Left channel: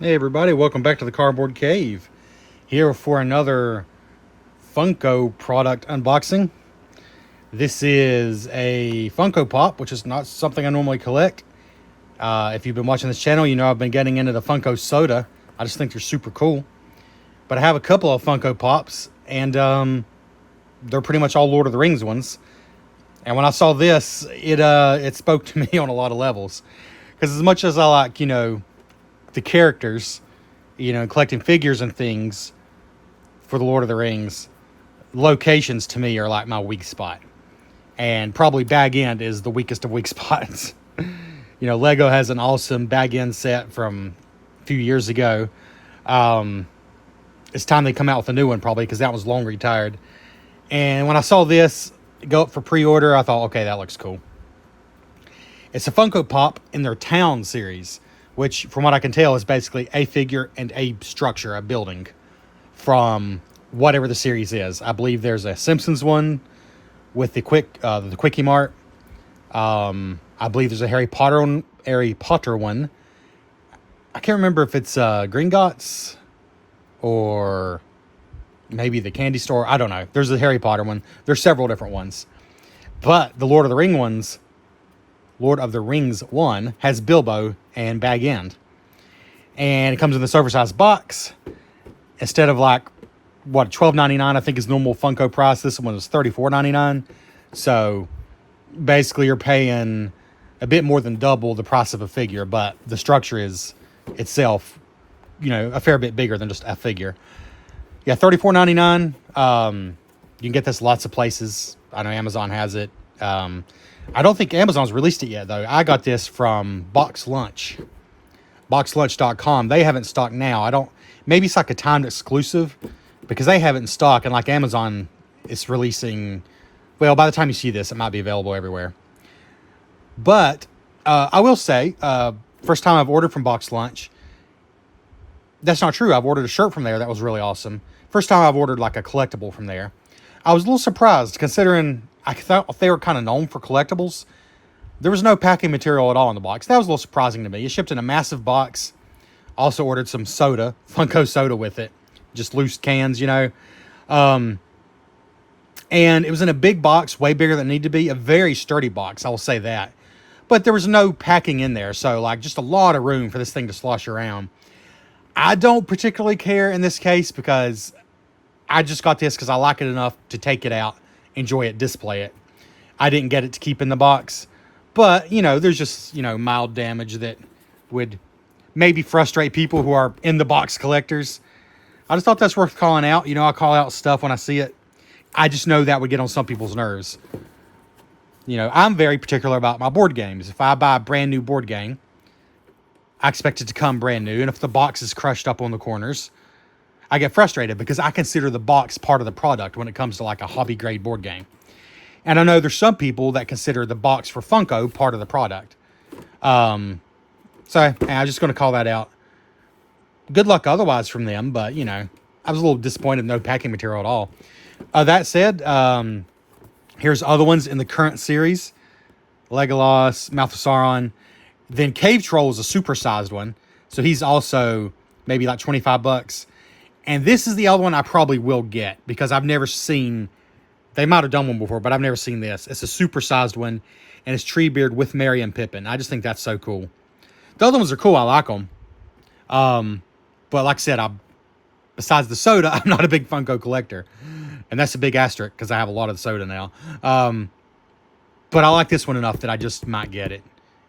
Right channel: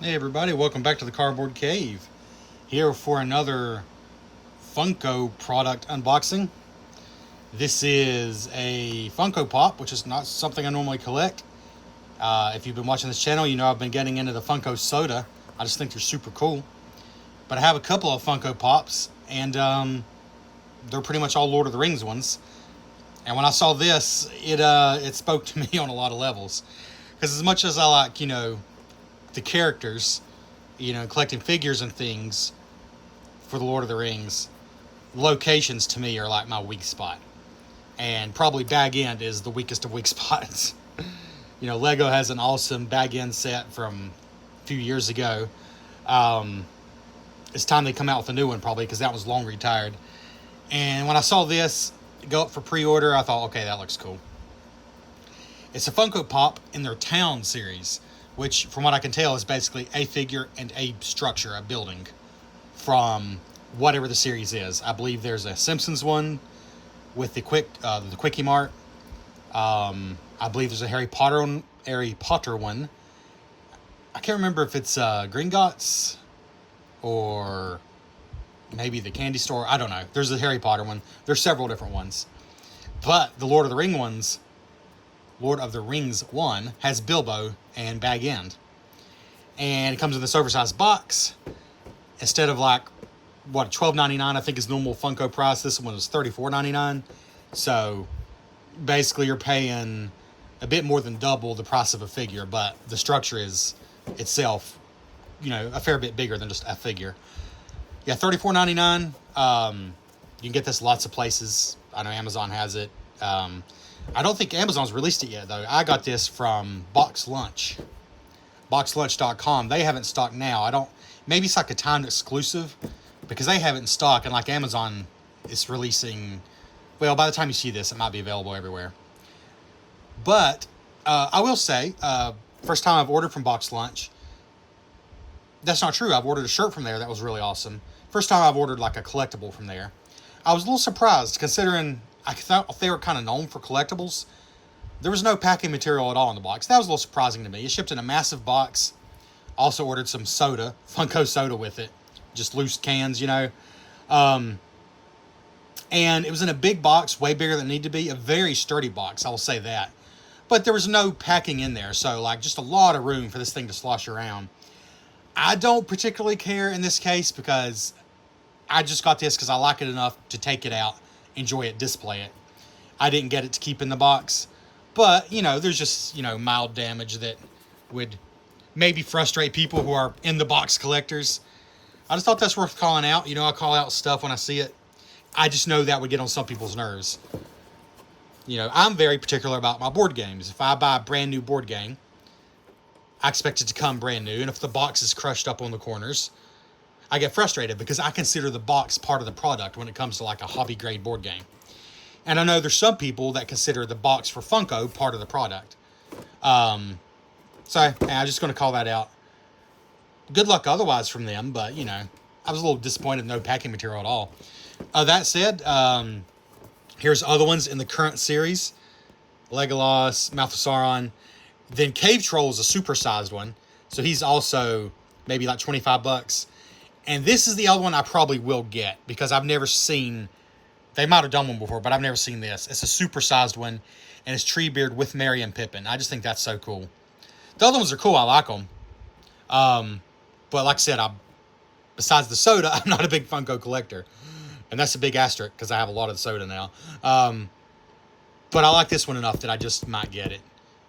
Hey everybody, welcome back to the Cardboard Cave. Here for another Funko product unboxing. This is a Funko Pop, which is not something I normally collect. If you've been watching this channel, you know I've been getting into the Funko Soda. I just think they're super cool. But I have a couple of Funko Pops, and they're pretty much all Lord of the Rings ones. And when I saw this, it spoke to me on a lot of levels. Because as much as I like, the characters, collecting figures and things for the Lord of the Rings, locations to me are like my weak spot. And probably Bag End is the weakest of weak spots. Lego has an awesome Bag End set from a few years ago. It's time they come out with a new one probably because that was long retired. And when I saw this go up for pre-order, I thought, okay, that looks cool. It's a Funko Pop in their Town series, which, from what I can tell, is basically a figure and a structure, a building, from whatever the series is. I believe there's a Simpsons one with the Quickie Mart. I believe there's a Harry Potter one. I can't remember if it's Gringotts or maybe the candy store. I don't know. There's a Harry Potter one. There's several different ones. But the Lord of the Rings one has Bilbo and Bag End. And it comes in this oversized box. Instead of $12.99, I think is normal Funko price, this one is $34.99. So basically you're paying a bit more than double the price of a figure, but the structure is itself, a fair bit bigger than just a figure. Yeah, $34.99. You can get this lots of places. I know Amazon has it. I don't think Amazon's released it yet, though. I got this from Box Lunch. BoxLunch.com. They have it in stock now. Maybe it's like a timed exclusive because they have it in stock, and like Amazon is releasing, well, by the time you see this, it might be available everywhere. But I will say, first time I've ordered from Box Lunch, that's not true. I've ordered a shirt from there that was really awesome. First time I've ordered like a collectible from there. I was a little surprised considering I thought they were kind of known for collectibles. There was no packing material at all in the box. That was a little surprising to me. It shipped in a massive box. Also ordered some soda, Funko Soda with it. Just loose cans, And it was in a big box, way bigger than it needed to be. A very sturdy box, I will say that. But there was no packing in there, so just a lot of room for this thing to slosh around. I don't particularly care in this case because I just got this because I like it enough to take it out, enjoy it, display it. I didn't get it to keep in the box. But, there's just, mild damage that would maybe frustrate people who are in the box collectors. I just thought that's worth calling out. I call out stuff when I see it. I just know that would get on some people's nerves. I'm very particular about my board games. If I buy a brand new board game, I expect it to come brand new. And if the box is crushed up on the corners, I get frustrated because I consider the box part of the product when it comes to a hobby grade board game. And I know there's some people that consider the box for Funko part of the product. I'm just going to call that out. Good luck otherwise from them, but, I was a little disappointed no packing material at all. That said, here's other ones in the current series. Legolas, Mouth of Sauron. Then Cave Troll is a supersized one. So he's also maybe like $25. And this is the other one I probably will get because I've never seen... They might have done one before, but I've never seen this. It's a supersized one, and it's Treebeard with Merry and Pippin. I just think that's so cool. The other ones are cool. I like them. But like I said, besides the soda, I'm not a big Funko collector. And that's a big asterisk because I have a lot of the soda now. But I like this one enough that I just might get it.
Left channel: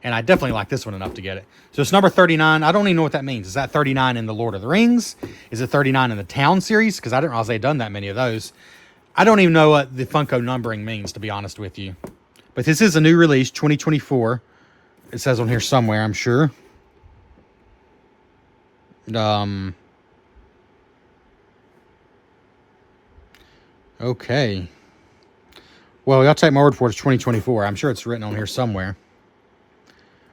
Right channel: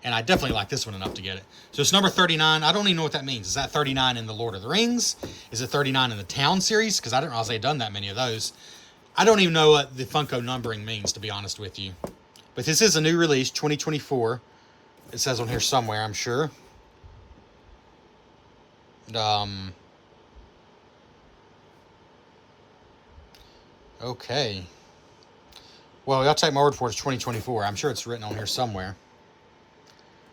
And I definitely like this one enough to get it. So it's number 39. I don't even know what that means. Is that 39 in the Lord of the Rings? Is it 39 in the Town series? Because I didn't realize they'd done that many of those. I don't even know what the Funko numbering means, to be honest with you. But this is a new release, 2024. It says on here somewhere, I'm sure. Okay. Well, y'all take my word for it, it's 2024. I'm sure it's written on here somewhere.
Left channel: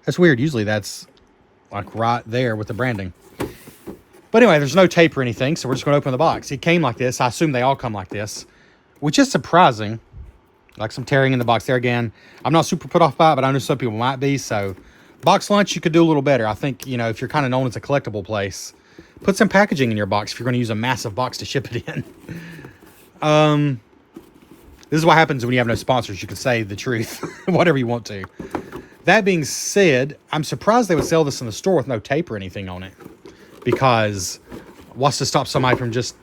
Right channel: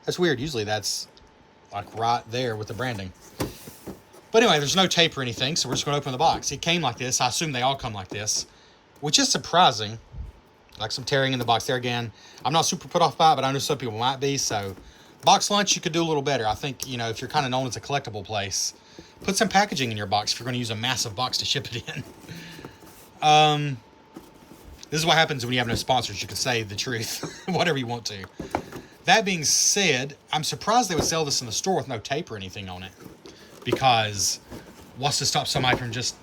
That's weird. Usually that's right there with the branding. But anyway, there's no tape or anything, so we're just going to open the box. It came like this. I assume they all come like this, which is surprising. Like some tearing in the box there again. I'm not super put off by it, but I know some people might be, so Box lunch, you could do a little better. I think, you know, if you're kind of known as a collectible place, put some packaging in your box if you're going to use a massive box to ship it in. This is what happens when you have no sponsors. You can say the truth, whatever you want to. That being said, I'm surprised they would sell this in the store with no tape or anything on it. Because what's to stop somebody from just...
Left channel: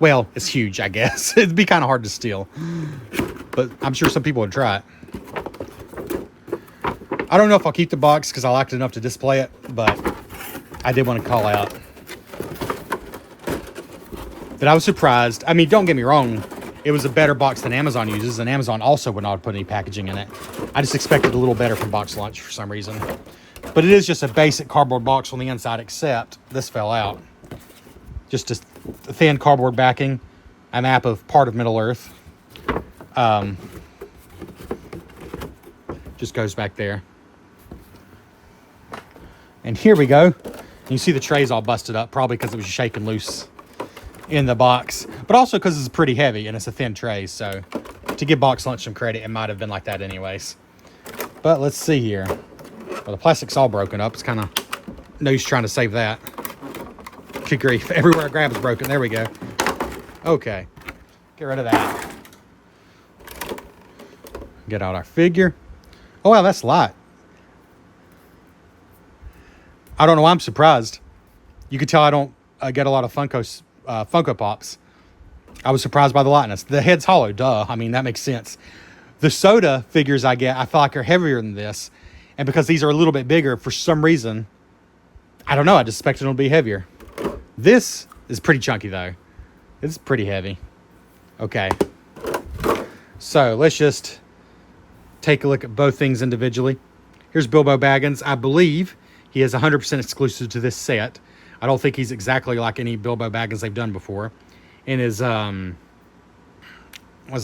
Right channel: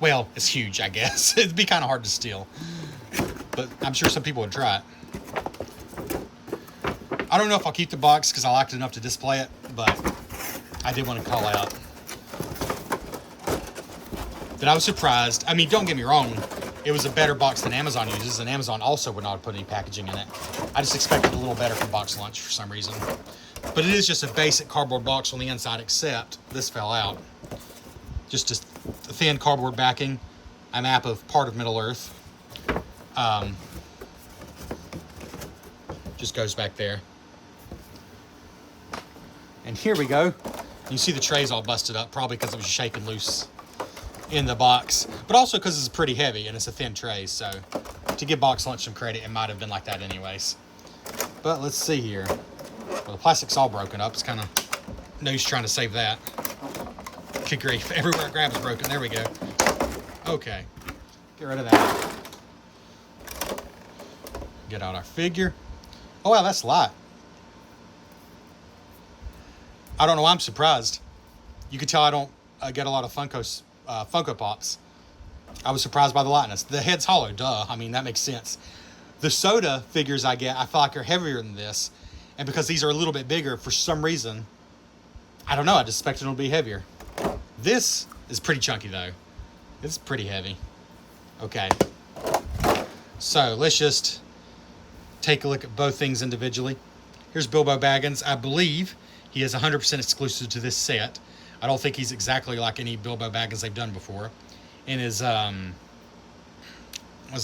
Well, it's huge, I guess. It'd be kind of hard to steal. But I'm sure some people would try it. I don't know if I'll keep the box because I liked it enough to display it. But I did want to call out that I was surprised. I mean, don't get me wrong. It was a better box than Amazon uses, and Amazon also would not put any packaging in it. I just expected a little better from Box Lunch for some reason. But it is just a basic cardboard box on the inside, except this fell out. Just a thin cardboard backing, a map of part of Middle Earth. Just goes back there. And here we go. You see the tray's all busted up, probably because it was shaking loose in the box, but also because it's pretty heavy and it's a thin tray. So to give Box Lunch some credit, it might have been like that anyways. But let's see here. Well, the plastic's all broken up. It's kind of no use trying to save that. Good grief. Everywhere I grab is broken. There we go. Okay. Get rid of that. Get out our figure. Oh, wow, that's light. I don't know why I'm surprised. You can tell I don't get a lot of Funko Pops. I was surprised by the lightness. The head's hollow, duh. I mean, that makes sense. The soda figures I get, I feel like are heavier than this. And because these are a little bit bigger, for some reason, I don't know, I just expected them to be heavier. This is pretty chunky, though. It's pretty heavy. Okay. So, let's just take a look at both things individually. Here's Bilbo Baggins. I believe he is 100% exclusive to this set. I don't think he's exactly like any Bilbo Baggins they've done before. In his, was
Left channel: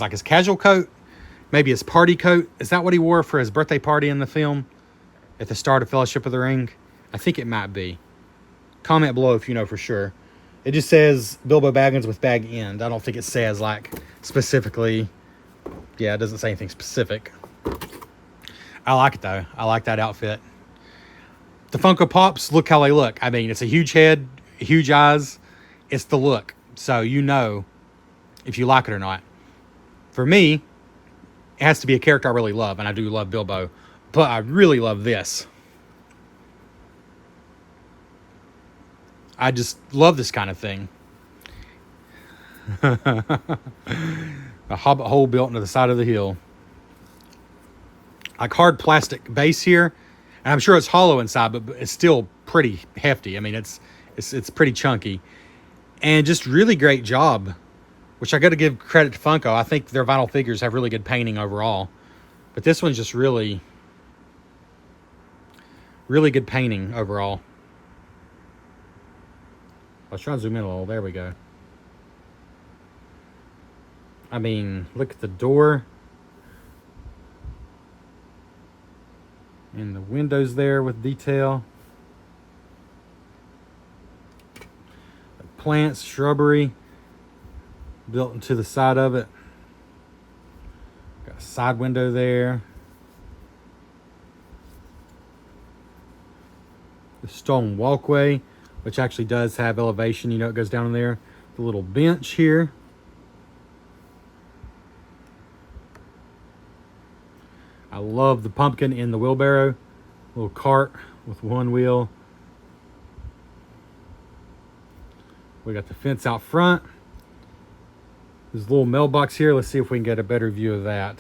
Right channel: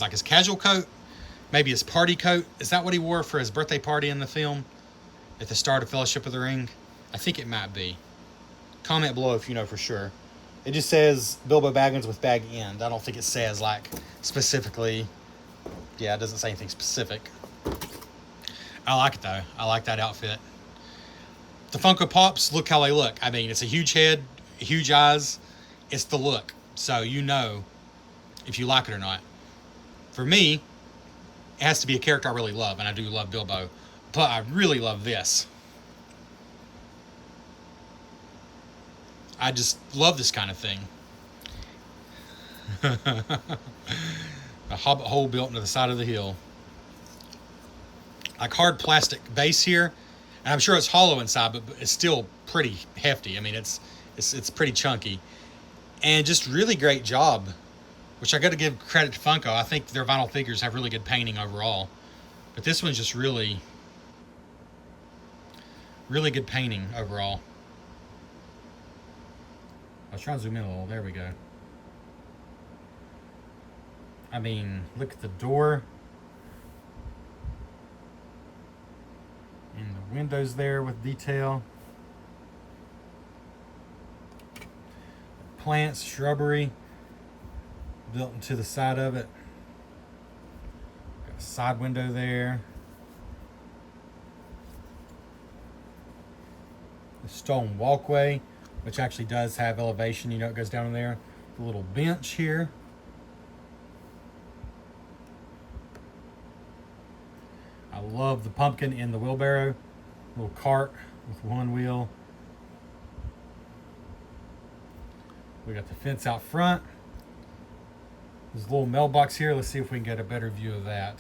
like his casual coat, maybe his party coat. Is that what he wore for his birthday party in the film at the start of Fellowship of the Ring? I think it might be. Comment below if you know for sure. It just says Bilbo Baggins with bag end. I don't think it says like specifically. Yeah, it doesn't say anything specific. I like it though. I like that outfit. The Funko Pops, look how they look. I mean, it's a huge head, huge eyes. It's the look. So you know if you like it or not. For me, it has to be a character I really love, and I do love Bilbo. But I really love this. I just love this kind of thing. A hobbit hole built into the side of the hill. Like hard plastic base here. And I'm sure it's hollow inside, but it's still pretty hefty. I mean, it's pretty chunky. And just really great job, which I got to give credit to Funko. I think their vinyl figures have really good painting overall. But this one's just really, really good painting overall. I'll try to zoom in a little. There we go. I mean, look at the door. And the windows there with detail. Plants, shrubbery built into the side of it. Got a side window there. The stone walkway, which actually does have elevation. You know, it goes down in there. The little bench here. I love the pumpkin in the wheelbarrow. Little cart with one wheel. We got the fence out front. There's a little mailbox here. Let's see if we can get a better view of that.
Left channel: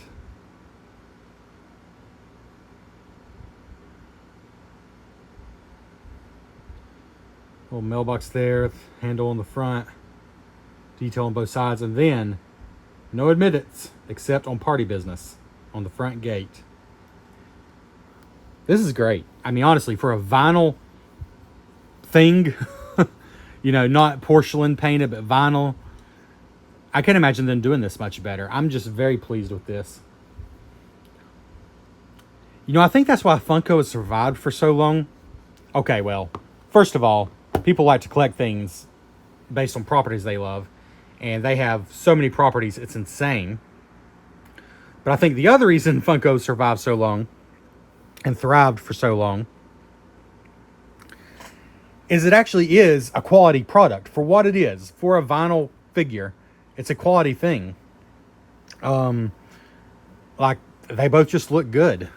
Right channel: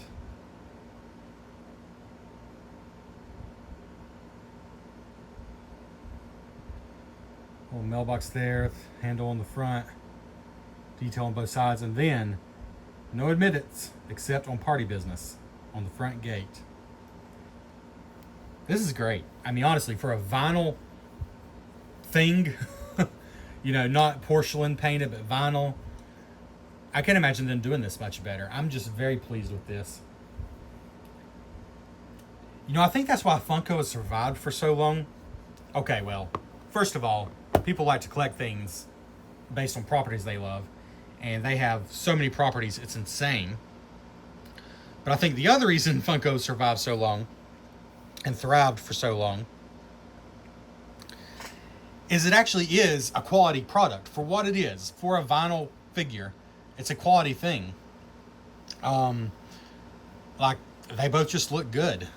Little mailbox there, handle on the front, detail on both sides, and then no admittance except on party business on the front gate. This is great. I mean, honestly, for a vinyl thing, you know, not porcelain painted, but vinyl, I can't imagine them doing this much better. I'm just very pleased with this. You know, I think that's why Funko has survived for so long. Okay, well, first of all, people like to collect things based on properties they love. And they have so many properties, it's insane. But I think the other reason Funko survived so long and thrived for so long, is it actually is a quality product for what it is. For a vinyl figure, it's a quality thing. Like, they both just look good.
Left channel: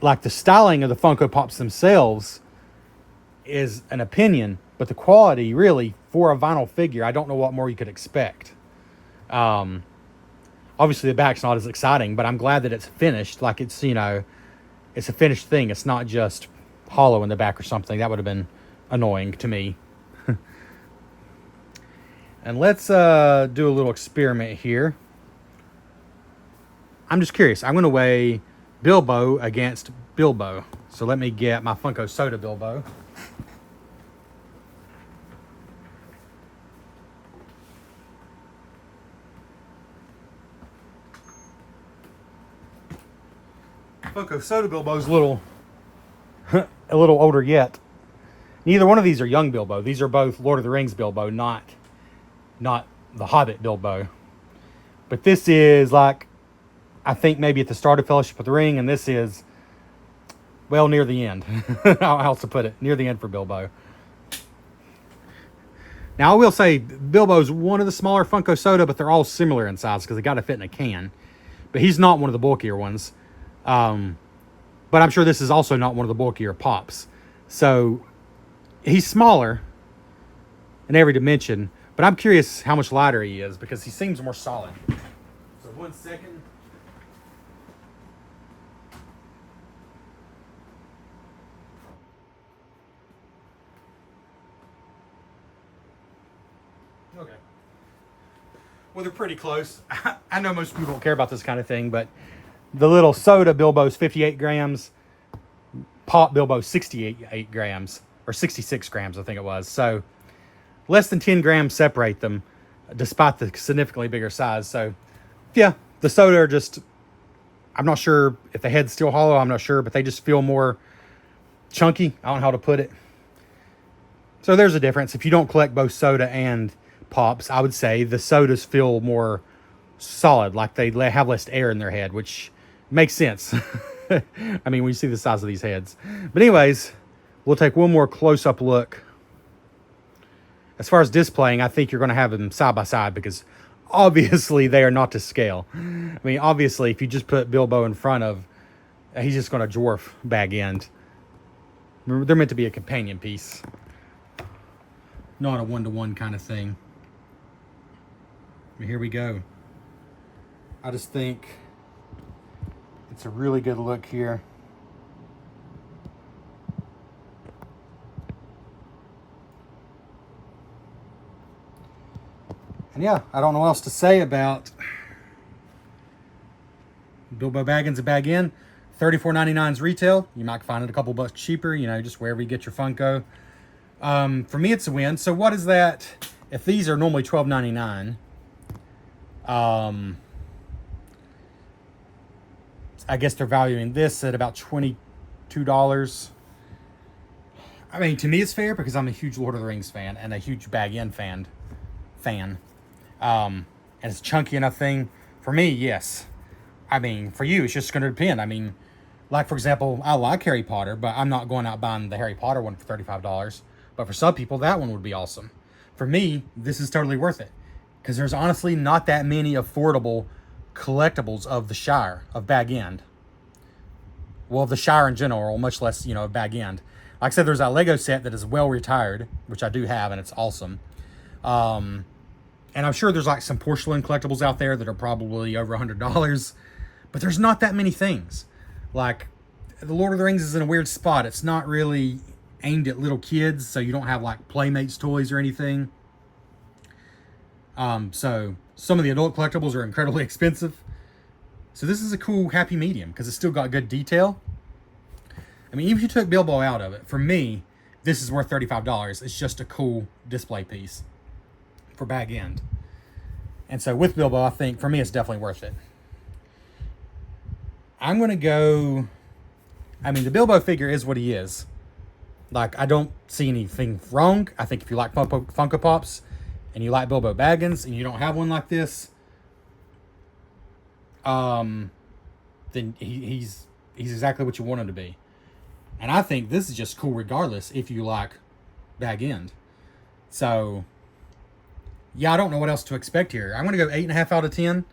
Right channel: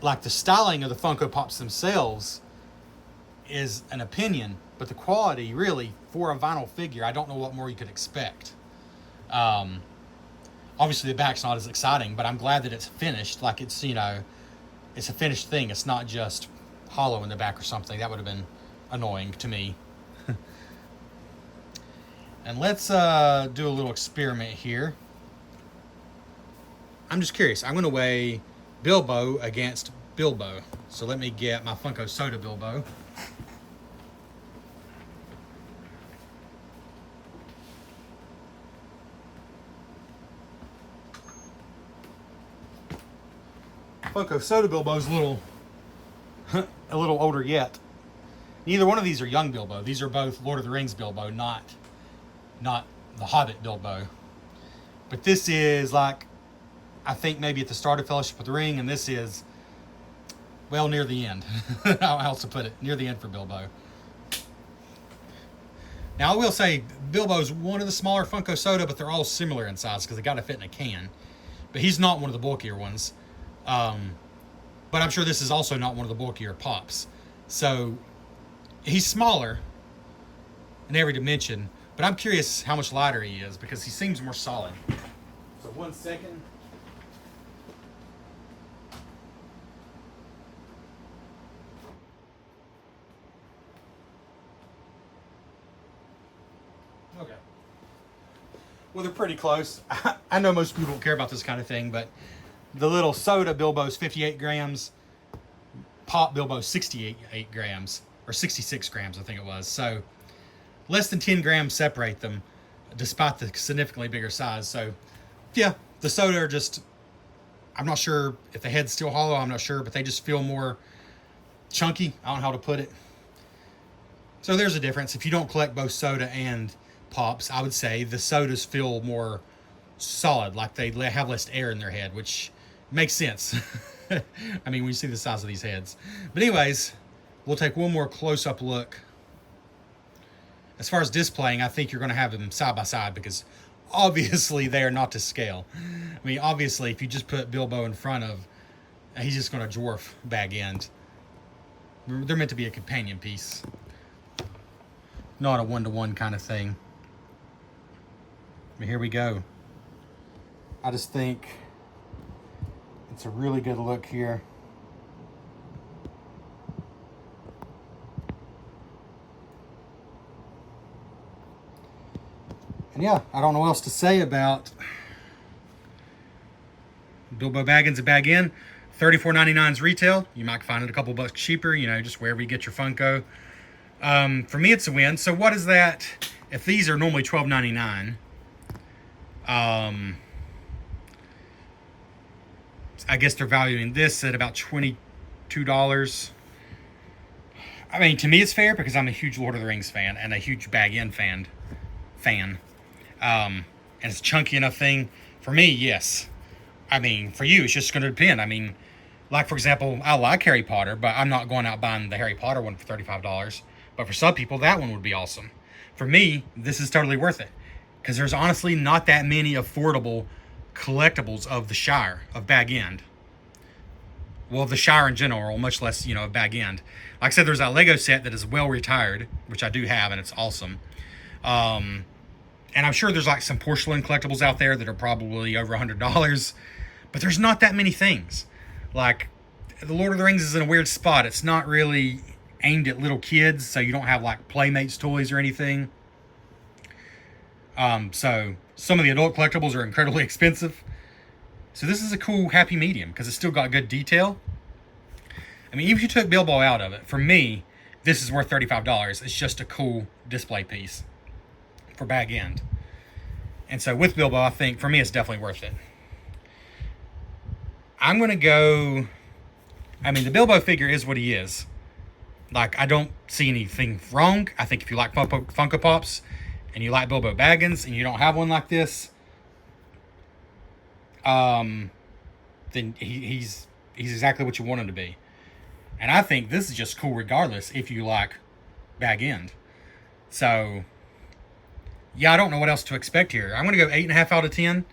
Like, the styling of the Funko Pops themselves is an opinion, but the quality, really, for a vinyl figure, I don't know what more you could expect. Obviously the back's not as exciting, but I'm glad that it's finished. Like, it's, you know, it's a finished thing. It's not just hollow in the back or something. That would have been annoying to me. And let's do a little experiment here. I'm just curious. I'm going to weigh Bilbo against Bilbo. So let me get my Funko Soda Bilbo. Funko Soda Bilbo's a little older yet. Neither one of these are young Bilbo. These are both Lord of the Rings Bilbo, not the Hobbit Bilbo. But this is like, I think maybe at the start of Fellowship of the Ring, and this is, well, near the end. I'll also put it near the end for Bilbo. Now, I will say Bilbo's one of the smaller Funko Soda, but they're all similar in size because they got to fit in a can. But he's not one of the bulkier ones. But I'm sure this is also not one of the bulkier Pops. So he's smaller in every dimension, but I'm curious how much lighter he is because he seems more solid. So 1 second. Okay. Well, they're pretty close. I know most people don't care about this kind of thing, but the little soda Bilbo's 58 grams, Pop Bilbo's 68 grams, or 66 grams, I think it was. So less than 10 grams separate them, despite the significantly bigger size. So yeah, the soda are just, I'm not sure if the head's still hollow, I'm not sure, but they just feel more chunky. I don't know how to put it. So there's a difference. If you don't collect both soda and Pops, I would say the sodas feel more solid, like they have less air in their head, which makes sense. I mean, when you see the size of these heads. But anyways, we'll take one more close-up look. As far as displaying, I think you're going to have them side by side because obviously they are not to scale. I mean, obviously, if you just put Bilbo in front of, he's just going to dwarf Bag End. They're meant to be a companion piece, not a one-to-one kind of thing. But here we go. I just think it's a really good look here. And yeah, I don't know what else to say about Bilbo Baggins and Bag In. $34.99 is retail. You might find it a couple bucks cheaper, you know, just wherever you get your Funko. For me, it's a win. So what is that? If these are normally $12.99, I guess they're valuing this at about $22. I mean, to me, it's fair because I'm a huge Lord of the Rings fan and a huge Bag In fan. And it's a chunky enough thing. For me, yes. I mean, for you, it's just going to depend. I mean, like, for example, I like Harry Potter, but I'm not going out buying the Harry Potter one for $35. But for some people, that one would be awesome. For me, this is totally worth it. Because there's honestly not that many affordable collectibles of the Shire, of Bag End. Well, of the Shire in general, much less, you know, of Bag End. Like I said, there's that Lego set that is well retired, which I do have, and it's awesome. And I'm sure there's like some porcelain collectibles out there that are probably over $100. But there's not that many things. Like, the Lord of the Rings is in a weird spot. It's not really aimed at little kids, so you don't have like Playmates toys or anything. So some of the adult collectibles are incredibly expensive. So this is a cool happy medium because it's still got good detail. I mean, even if you took Bilbo out of it, for me, this is worth $35. It's just a cool display piece for Bag End. And so with Bilbo, I think for me, it's definitely worth it. I'm going to go, I mean, the Bilbo figure is what he is. Like, I don't see anything wrong. I think if you like Funko Pops and you like Bilbo Baggins and you don't have one like this, then he's exactly what you want him to be. And I think this is just cool regardless if you like bag end. So, yeah, I don't know what else to expect here. I'm going to go 8.5 out of 10.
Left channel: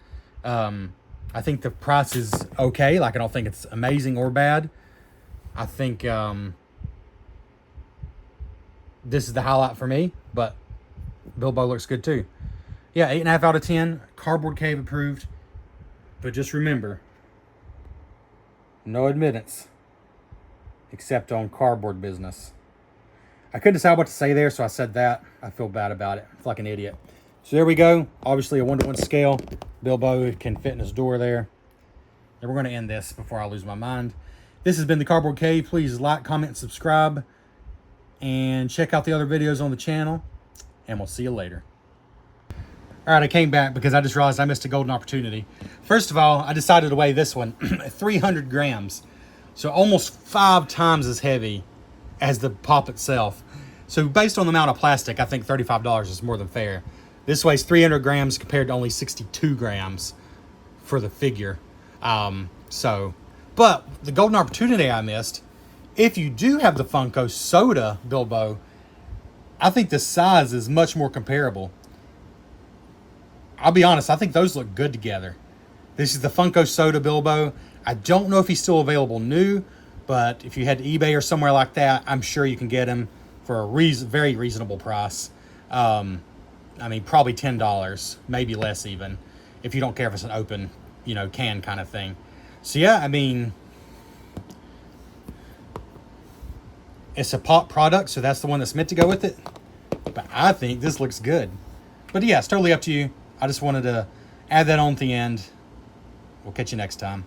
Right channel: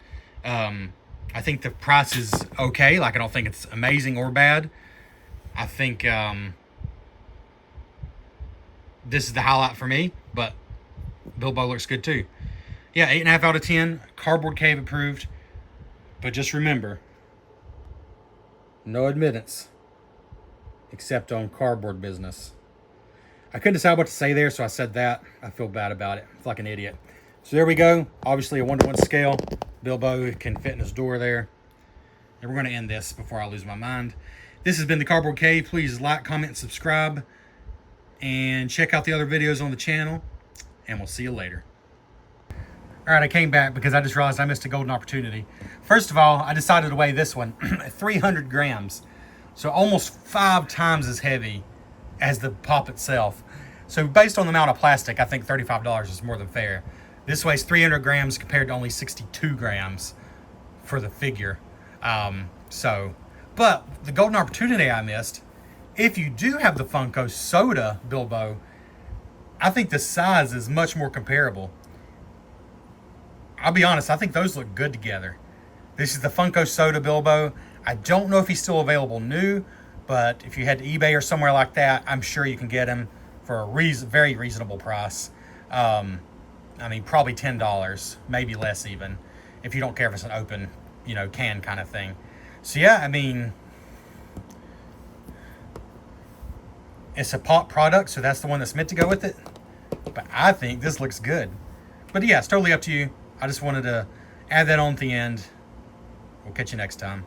I think the price is okay. Like, I don't think it's amazing or bad. I think this is the highlight for me, but Bilbo looks good too. Yeah, 8.5 out of 10. Cardboard Cave approved. But just remember, no admittance except on cardboard business. I couldn't decide what to say there, so I said that. I feel bad about it. It's like an idiot. So there we go. Obviously a 1-to-1 scale. Bilbo can fit in his door there. And we're going to end this before I lose my mind. This has been the Cardboard Cave. Please like, comment, and subscribe. And check out the other videos on the channel. And we'll see you later. All right, I came back because I just realized I missed a golden opportunity. First of all, I decided to weigh this one 300 grams. So almost 5 times as heavy as the pop itself. So based on the amount of plastic, I think $35 is more than fair. This weighs 300 grams compared to only 62 grams for the figure. But the golden opportunity I missed, if you do have the Funko Soda Bilbo, I think the size is much more comparable. I'll be honest, I think those look good together. This is the Funko Soda Bilbo. I don't know if he's still available new, but if you head to eBay or somewhere like that, I'm sure you can get him for a very reasonable price. I mean, probably $10, maybe less even, if you don't care if it's an open, can kind of thing. So yeah, I mean, it's a pop product, so that's the one that's meant to go with it. But I think this looks good. But yeah, it's totally up to you. I just wanted to add that on at the end. We'll catch you next time.